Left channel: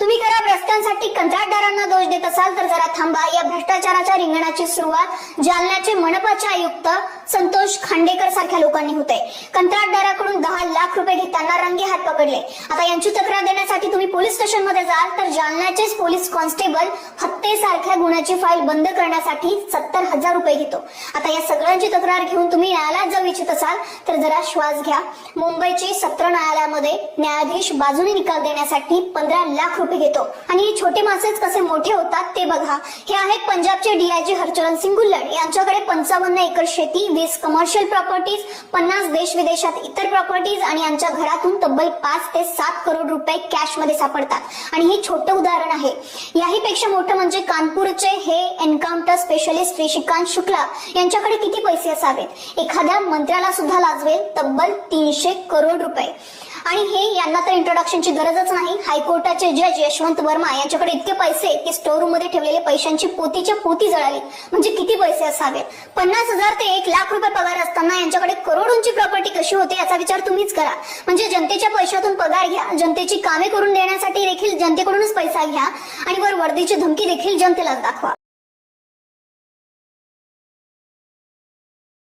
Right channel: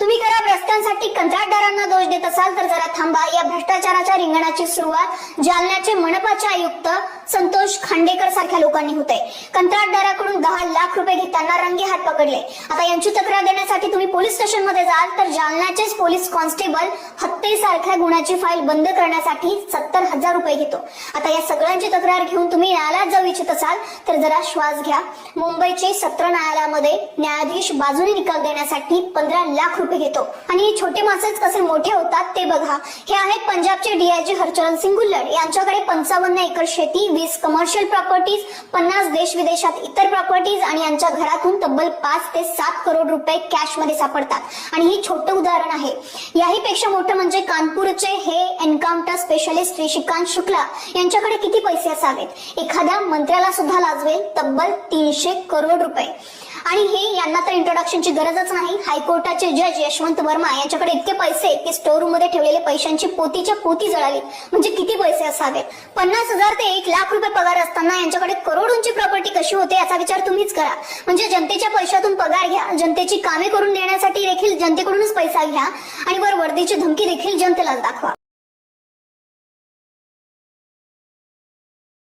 तुम्ही खराब रस्त्यांसाठी कंत्राटदारांना दोष देत असाल तर जरा थांबा. या भ्रष्टाचाराच्या रिंगणाची सुरुवात जालन्याचे मनपाचे आयुक्त संतोष खांडेकर सारख्या लोकांनी होते. कंत्राटदाराकडून 10 लाख रुपये घेताना रंगे हात पकडले. आता यांची तक्रार देण्यासाठी तुम्ही पोलीस स्टेशनमध्ये जाल तर जालन्याचेच पोलीस कॉन्स्टेबल हत्येसारख्या गुन्ह्याची फाईल बंद करण्यासाठी 70,000 रुपये घेतो. आता या सगळ्यांची तक्रार घेऊन तुम्ही न्यायालयात जाऊ इच्छित असाल तर जरा श्वास घ्या. मुंबईचे सत्र न्यायालयामध्ये न्यायाधीश बाजूने निकाल देण्यासाठी 15 लाख रुपये घेतो. आणि हे छोटे मासेच कसे मोठे होतात ते बघा. हे आहेत पंजाबचे डीआयजी हरचरण सिंग गुल्लड. यांच्याकडे 55 एकर शेती, 20 कमर्शियल प्रॉपर्टीज, 50 देश विदेशात इतर प्रॉपर्टीज आणि यांच्या घरातून तब्बल 5 ते 7 करोड रुपये कॅश मध्ये सापडतात. आणि हे छोटे उदाहरण आहे. याही पेक्षा मोठं म्हणजे कानपूरचे हे एन्काउंटर स्पेशलिस्ट श्रीकांत शुक्ला यांच्याकडे किती पैसे असावेत. एखाद्या मंत्र्याला सुद्धा लाजवेल तब्बल 300 करोड रुपये. आणि हे यांना तर इंट्रोडक्शनची गरजच नाही. हायकोर्टाचे जज यशवंत वर्मा यांच्याकडे इतके पैसे की स्टोर रूम मध्ये ठेवलेले पैशांची पोतीच्या पोती जळाली. म्हणजे किती पैसे असावेत. 50,000 ते 1 लाख रुपये पगार असताना यांच्याकडे करोडोंची प्रॉपर्टी कशी होते याचा विचार तुम्हीच करा. म्हणजे जनतेच्या पैशातून पगार घ्या, जनतेची कामे करून देण्यासाठी देखील जनतेकडूनच पैसा घ्या आणि वर वर्दीची धमकी देखील जनतेला दाखवा.